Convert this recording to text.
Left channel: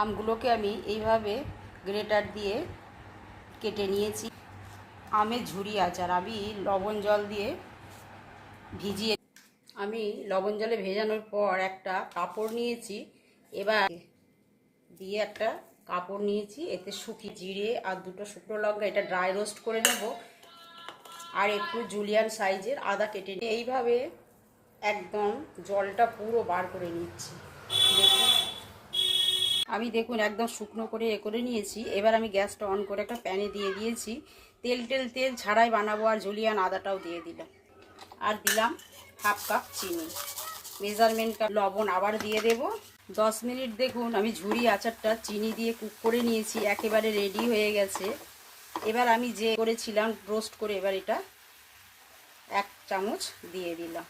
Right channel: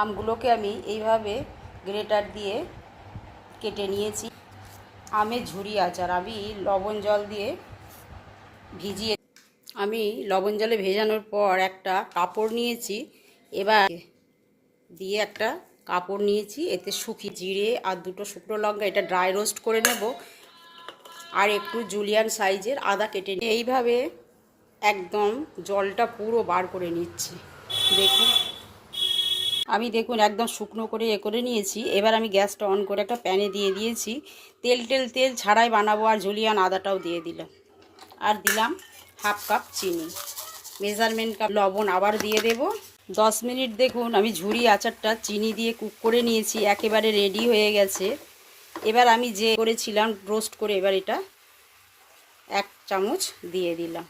আমগুলোকে আমি এইভাবে গ্রেটার দিয়ে কেটে নিয়েছি। আমের ঝুরি আচার আমি লবণ জল দিয়ে ভিজিয়ে, আমি লবণ জলে ভেজানোর পর একটা কাপড় নিয়েছি, এবার দিয়ে একটা কাপড় নিয়েছি, এতে শুকিয়ে জিরে আর দুটো শুকনো লঙ্কা এটা ড্রাই রোস্ট করে নেব, আর একটু জুলিয়ান সাইজের আদা কেটে নিয়ে এইভাবে একদম জলটা পুরো বার করে নিচ্ছি। দেখুন আমি দেখুন একদম শুকনো করে করে নিয়েছি। এবার আমি গ্যাসটা অন করে একটা প্যানে দিয়ে দিয়েছি, তেল ছাড়াই বানাবো, আর জুলিয়ান আদাটাও দিয়ে দিলাম, আর দিলাম হাফ কাপ চিনি, মেজারমেন্ট কাপ লবণ আবার দিয়ে দেব। 10 মিনিট দেখুন আমি ঝুরি আচারটা চিনি দিয়ে কুক করে নিয়েছি, একেবারে রেডি হয়ে গেছে। এবার আমি যে করেছিলাম রোস্ট করে, এবার এটা 1 চামচ দিয়ে দিলাম।